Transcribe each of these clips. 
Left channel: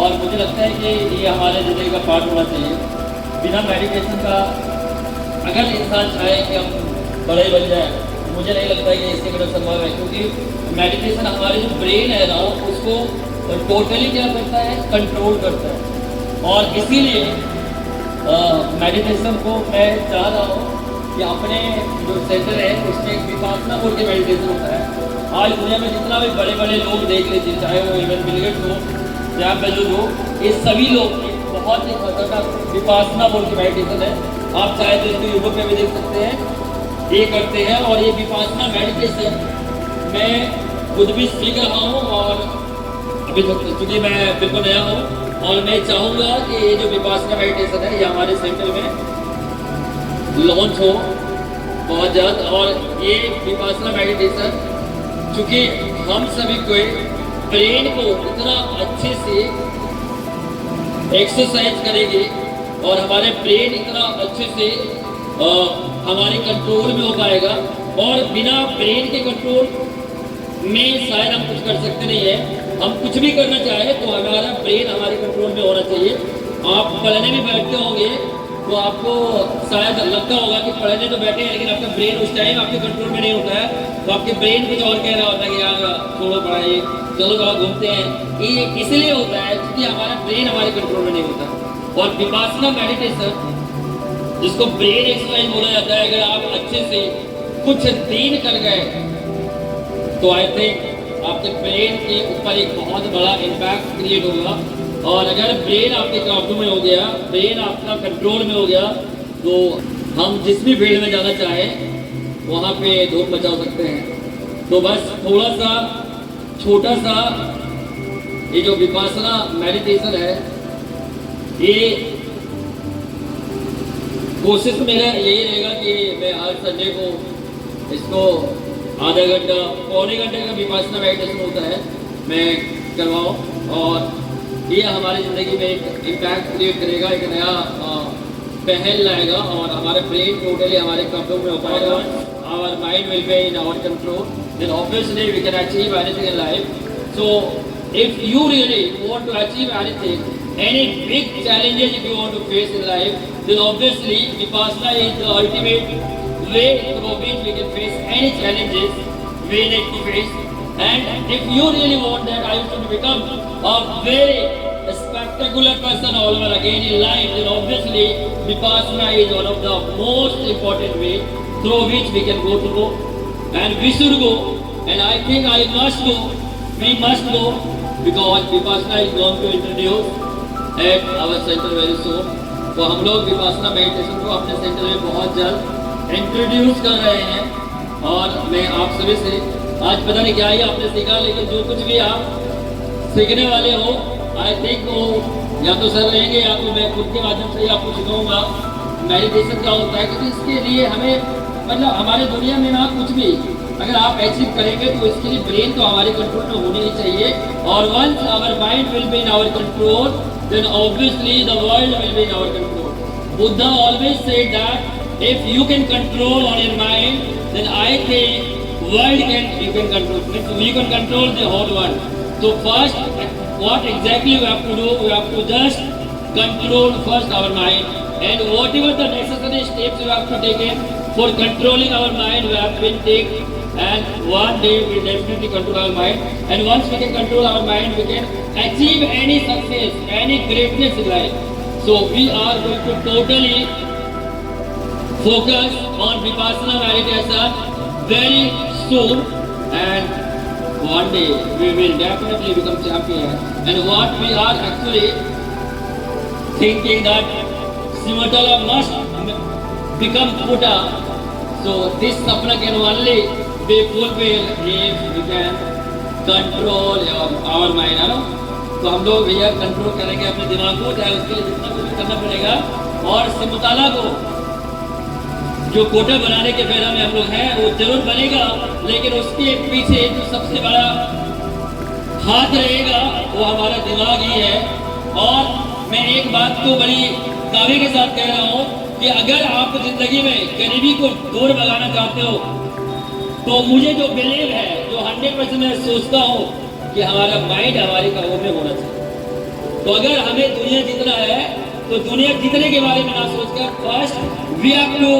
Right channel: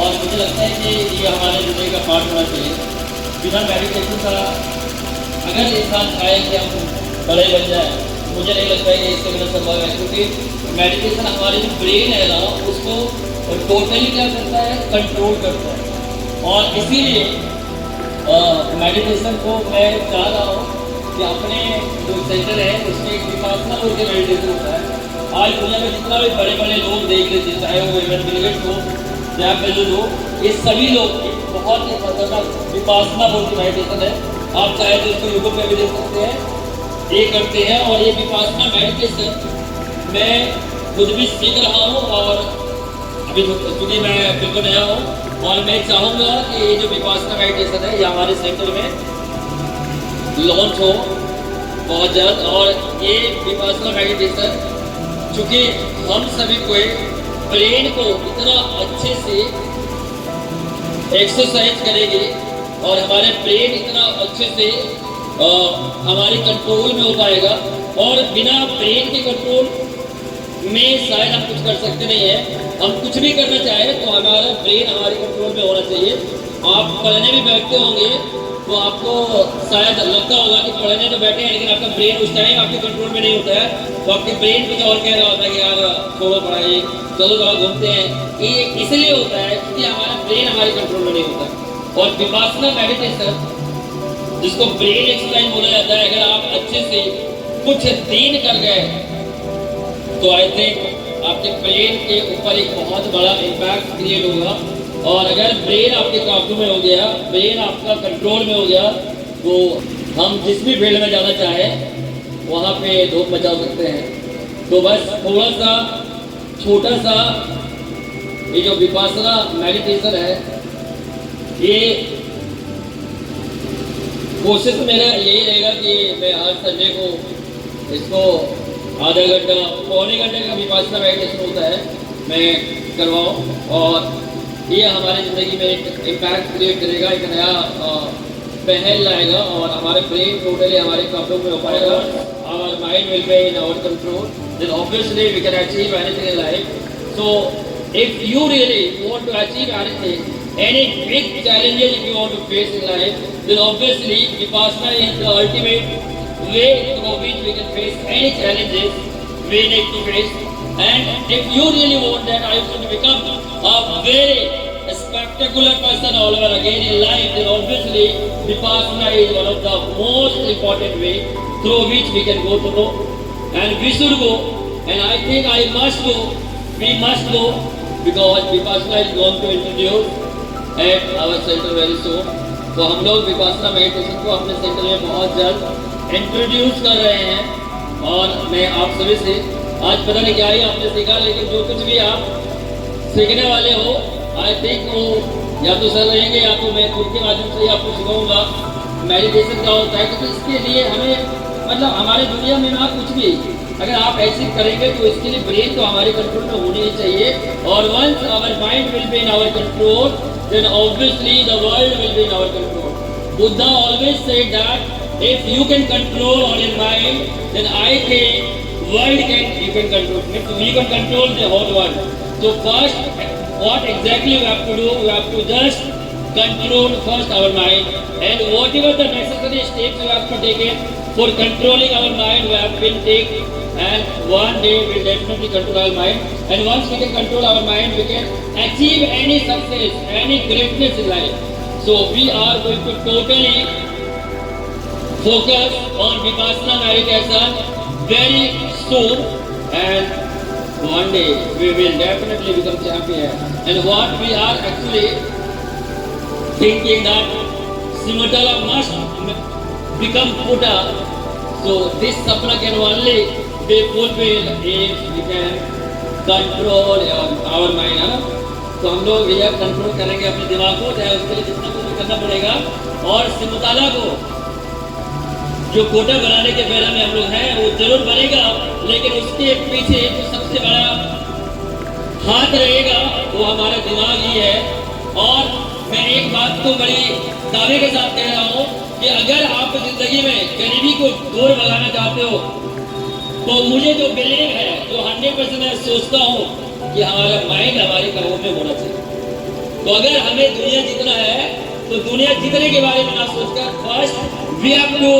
और मुझे लगता है कि ये हमारे ज़िंदगी का पार्ट होना चाहिए। बिना मेडिटेशन का अगर इंसान चाहे कि हम बड़े बन जाए, मुझे नहीं लगता है कि इसके बिना संभव है, क्योंकि मेडिटेशन हमारे जो ब्रेन है ना उसको टोटली क्या करता है, कंट्रोल करता है। और इसीलिए मेडिटेशन को मैं चाह रहा हूँ कि अपने जो सेंटर है उसमें एक विपासना बोल के मेडिटेशन होता है। आज दुनिया में जितना भी बड़े बड़े लोग देख लीजिए, चाहे वो इवन बिल गेट्स हो, जैफ बेजोस हो, ये सभी लोग एक बहुत ही खतरनाक विपासना बोल के मेडिटेशन है। आप चाहे तो इसको यूट्यूब पे भी देख सकते हैं, ये करते हैं। और ये विपासना मेडिटेशन मैं खुद भी सीख रहा हूँ और अभी क्योंकि मैं बिल्कुल नया हूँ, और मैं चाहूँगा कि ये जो विपासना मेडिटेशन है ये हमारे सेंटर में लॉन्च हो बहुत जल्द। और ये विपासना मेडिटेशन चूँकि हम सभी को ब्रेन को इतना अच्छे से एक्सरसाइज करेगी और हमारे ब्रेन इतना अच्छे से हमारे कंट्रोल में हो पाएगा। और बिना ब्रेन के कंट्रोल में शायद हम कुछ कर सकते नहीं है। हम कुछ भी करना चाहें तो हमारा ब्रेन हमारे कंट्रोल में होना चाहिए। आप पढ़ने भी बैठते होंगे तो आपको शायद लगता होगा कि पढ़ने तो बैठे हैं, लेकिन आपका ब्रेन उस टाइम आपके कंट्रोल में नहीं होता है, तो आपके ब्रेन कुछ और कह रहा होता है कि यार छोड़ो पढ़ाई, चलो जाओ घूमते हैं। ये इसलिए होता है क्योंकि हमारा ब्रेन हमारे कंट्रोल में नहीं होता। और विपासना मेडिटेशन जिसको ब्रेन एक्सरसाइज बोला जाता है, अगर आप अच्छे से कुछ दिन कर गए तो आई थिंक आपके ब्रेन के ऊपर एक बहुत बड़ा इम्पैक्ट क्रिएट होगा। और अगर ब्रेन आपके काबू में हो गया, ब्रेन आपका कंट्रोल में हो गया, तो हम जिस भी फील्ड में जाना चाहें वहाँ पे धूम मचा सकते हैं। तो बस थोड़ा सा छोटा सा ये जो विपासना मेडिटेशन है, ये कोशिश मेरा यही रहेगा कि मैं हर संडे को इसको आधा घंटा पौने घंटे का विपासना मेडिटेशन होता है मैं करवाऊँ, और ये हमारी ज़िंदगी में एक इम्पैक्ट क्रिएट करेगा, एक नया पहल लाएगा और हमारे ब्रेन टोटली हमारे काबू में हो पाएगा। Our mind will be in our control, then obviously we can achieve anything in life. So if you really want to achieve anything, any big challenges if you want to face in life, then obviously Vipassana is the ultimate way through which we can face any challenges we need to face. And if you really want that I want to become a very spectacular person all over again in life, then obviously Vipassana is one of the most important way through which we can go to go, and we should go, and I think I must go, we must go, because Vipassana is going to introduce at our centre very soon. तो हम लोग Vipassana meditation को अपने centre में बहुत जल्द introduce कर रहे हैं। और मैं आप सभी से आज पता नहीं क्या ही आपने सीखा, लेकिन जो कुछ भी आप सीखने वाले हो आई थिंक वो या तो सर रहेंगे या तो मैं खुद के माध्यम से आपको सिखाऊंगा मेडिटेशन क्या होता है। क्योंकि इसके लिए हमें मतलब हमारे दुनिया में ना कुछ भी अगर आप अचीव करेंगे तो इसके लिए ब्रेन तो हमारे कंट्रोल में होनी ही चाहिए। और once our mind will be in our control, then obviously the world will be in our control. Buddha always said that if you can control all your mind, then I think world you can control. We can control the whole world. So first, what exactly we have to do? We have to just control first our mind, and whatever the necessary steps we have to take it for controlling our mind, we have to take. And one day we will definitely control our mind. And once we can control our mind, we can achieve any success, any greatness in life. So we are going to totally focus on Vipassana meditation very soon, and one day we will definitely become champion. And what we are actually thinking that Simatala must become Buddha. So this sapna can only be fulfilled if we can control our mind, है ना। तो हम लोग ये control करेंगे अपने दिमाग को, चाहे उसके लिए जितना कुछ भी करना पड़ेगा। और सिमताला को जो कोटा बनाने के फेरा में हम लोग हैं वो जरूर बनेगा, लेकिन उसके पीछे जो सबसे बड़ा हाथ रहेगा वो हमारा दिमाग ही है। और मैं एक बात तो बड़ी दावे के साथ कह रहा हूँ कि अगर आप जिंदगी में गरीबी को दूर भगाना चाहते हो तो मुझे जो बिलीव है, जो 100% मैं सोचता हूँ कि हमारा माइंड हमारे काबू में होना चाहिए। तो अगर हमें दुनिया जीतना है तो दुनिया जीतने के बारे में ना सोचकर first we have to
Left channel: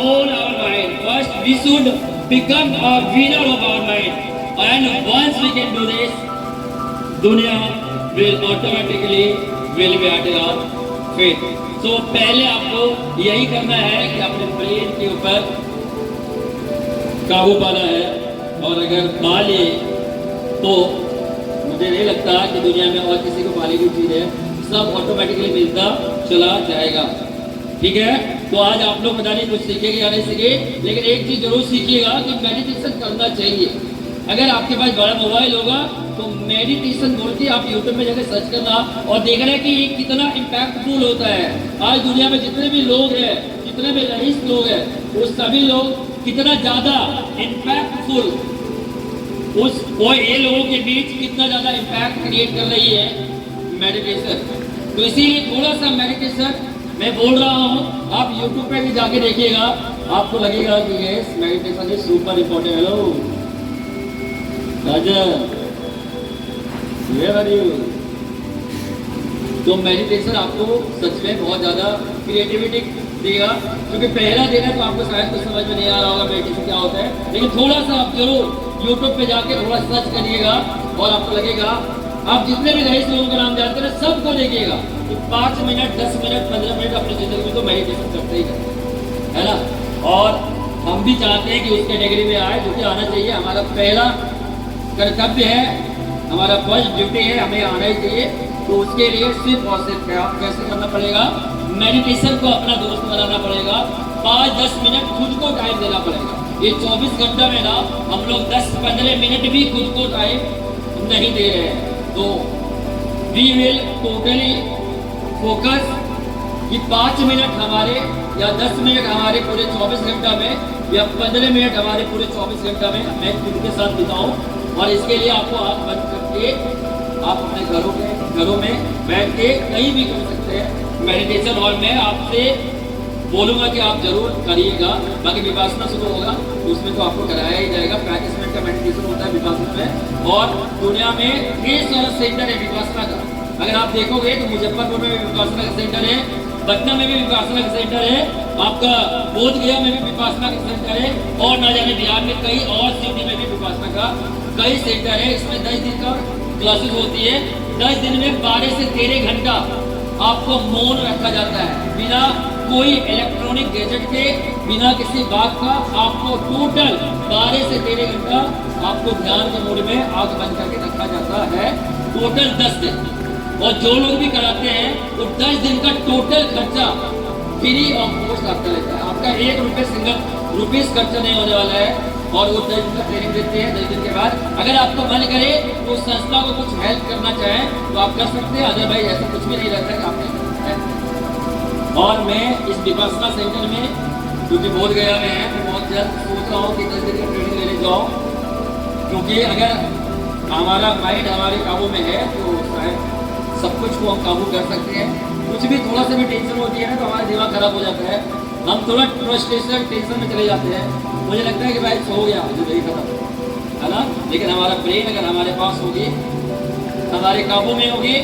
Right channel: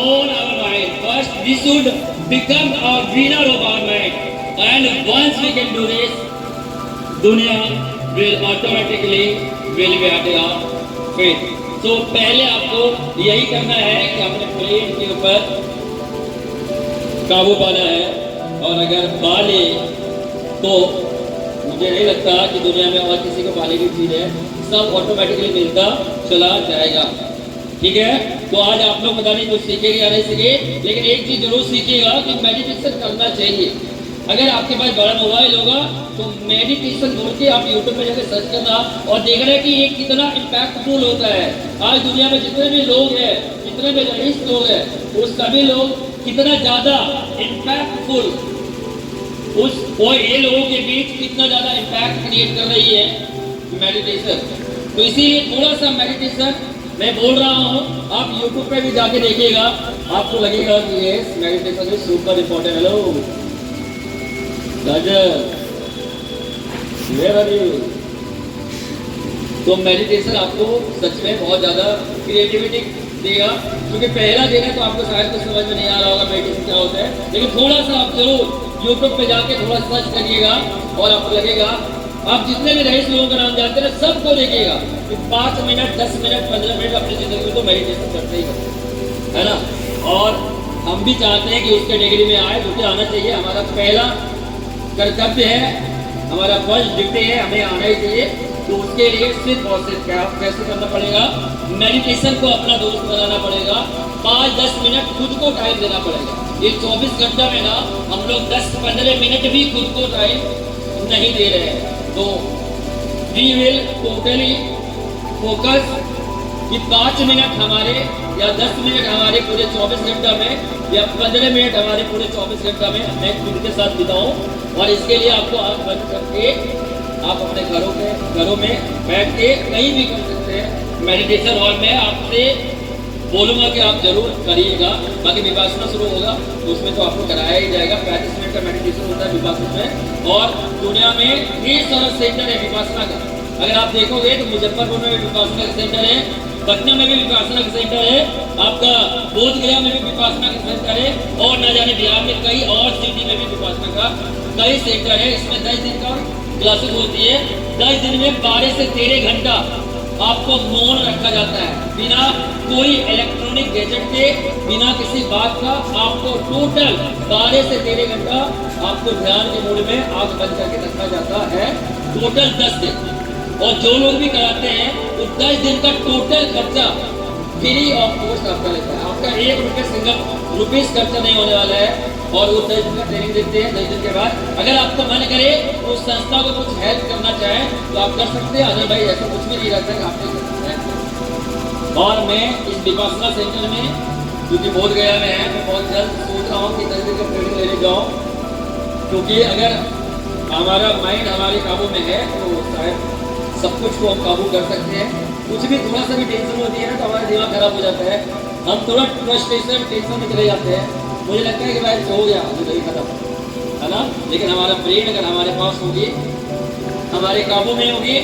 own our mind, first we should become a winner of our mind, and once we can do this, दुनिया will automatically will be at your feet. तो पहले आपको यही करना है कि अपने ब्रेन के ऊपर काबू पाना है, और अगर पा लिए तो मुझे नहीं लगता कि दुनिया में और किसी को पाने की चीज है, सब ऑटोमेटिकली मिलता चला जाएगा। ठीक है, तो आज आप लोग पता नहीं कुछ सीखेंगे या नहीं सीखे, लेकिन एक चीज जरूर सीखिएगा कि मेडिटेशन करना चाहिए। अगर आपके पास बड़ा मोबाइल होगा तो मेडिटेशन बोल के आप यूट्यूब में जाकर सर्च करना और देखना कि ये कितना इम्पैक्टफुल होता है। आज दुनिया में जितने भी लोग हैं, जितने भी रईस लोग हैं, वो सभी लोग कितना ज्यादा इम्पैक्टफुल उस ये लोगों के बीच कितना ज्यादा इम्पैक्ट क्रिएट कर रही है मेडिटेशन। तो इसीलिए थोड़ा सा मेडिटेशन मैं बोल रहा हूँ, आप यूट्यूब पे भी जाके देखिएगा, आपको लगेगा कि ये meditation is super important. Hello तो मेडिटेशन आपको सच में बहुत ज्यादा क्रिएटिविटी देगा, क्योंकि पहला दिन है तो आपको शायद कुछ समझ में नहीं आ रहा होगा मेडिटेशन क्या होता है, लेकिन थोड़ा सा आप जरूर यूट्यूब पे जाके थोड़ा सर्च करिएगा और आपको लगेगा, आप जितने भी रईस लोगों का नाम जानते हैं सबको देखिएगा कि 5 मिनट 10 मिनट 15 मिनट अपनी जिंदगी में तो मेडिटेशन करते ही करते है ना। और हम भी चाहते हैं कि उसके डिग्री में आए, जो कि आना चाहिए, हमारा पहला कर्तव्य है, हमारा फर्स्ट ड्यूटी है, हमें आना ही चाहिए। तो उसके लिए सिर्फ और सिर्फ क्या कैसे करना पड़ेगा, मेडिटेशन को अपना दोस्त बनाना पड़ेगा, 5-10 मिनट खुद को टाइम देना पड़ेगा। ये 24 घंटा में ना हम लोग 10-15 मिनट भी खुद को टाइम नहीं दे रहे हैं। तो वी विल टोटली फोकस कि 5 मिनट हमारे या 10 मिनट हमारे पूरे 24 घंटा में या 15 मिनट हमारे पूरे 24 घंटा में मैं खुद के साथ बिताऊं। और इसके लिए आपको आँख बंद करके आप अपने घरों में बैठ के कहीं भी कर सकते हैं मेडिटेशन। और मैं आपसे बोलूँगा कि आप जरूर करिएगा। बाकी विपासना शुरू होगा तो उसमें तो आपको कराया ही जाएगा। 35 मिनट का मेडिटेशन होता है विपासना में, और दुनिया में 20 सारा सेंटर है विपासना का। अगर आप देखोगे तो मुजफ्फरपुर में भी विपासना का सेंटर है, पटना में भी विपासना का सेंटर है, आपका बोध गया में भी विपासना का सेंटर है, और न जाने बिहार में कई और सिटी में भी विपासना का कई सेंटर है। इसमें 10 दिन का क्लासेस होती है। 10 दिन में 12 से 13 घंटा आपको मौन रखा जाता है, बिना कोई इलेक्ट्रॉनिक गैजेट के, बिना किसी बात का। आपको टोटल 12 से 13 घंटा आपको ध्यान के मूड में आंख बंद करके रखा जाता है, टोटल 10 दिन। और जो लोग भी कराते हैं तो 10 दिन का टोटल खर्चा फ्री ऑफ कॉस्ट आपका लेता है। आपका 1 रुपये सिंगल रुपीज खर्चा नहीं होने वाला है। और वो 10 दिन का ट्रेनिंग देते हैं। 10 दिन के बाद अगर आपका मन करे तो संस्था को कुछ हेल्प करना चाहे तो आप कर सकते हैं। अजय भाई ऐसा कुछ भी नहीं रहता है कि आपने हेल्प करना। और मैं इस विपासना सेंटर में, क्योंकि बोध गया में है, मैं बहुत जल्द सोच रहा हूँ कि 10 दिन का ट्रेनिंग लेने जाऊँ, क्योंकि अगर हमारा माइंड हमारे काबू में है तो शायद सब कुछ को हम काबू कर सकते हैं। कुछ भी थोड़ा सा भी टेंशन होती है ना तो हमारा दिमाग खराब हो जाता है, हम थोड़ा फ्रस्ट्रेशन टेंशन में चले जाते हैं। मुझे लगता है कि भाई हो गया जिंदगी खत्म, है ना। लेकिन हमारा ब्रेन अगर हमारे पास होगी, हमारे काबू में होगी,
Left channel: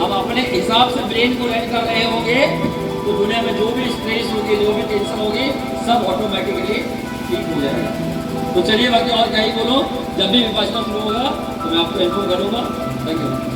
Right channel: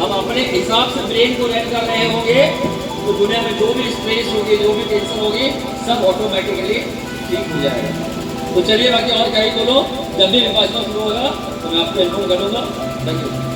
हम अपने हिसाब से ब्रेन को रन कर रहे होंगे, तो दुनिया में जो भी स्ट्रेस होगी, जो भी टेंशन होगी, सब ऑटोमेटिकली ठीक हो जाएगा। तो चलिए बाकी और क्या ही बोलो, जब भी विपासना शुरू होगा तो मैं आपको इन्फॉर्म करूँगा। Thank you.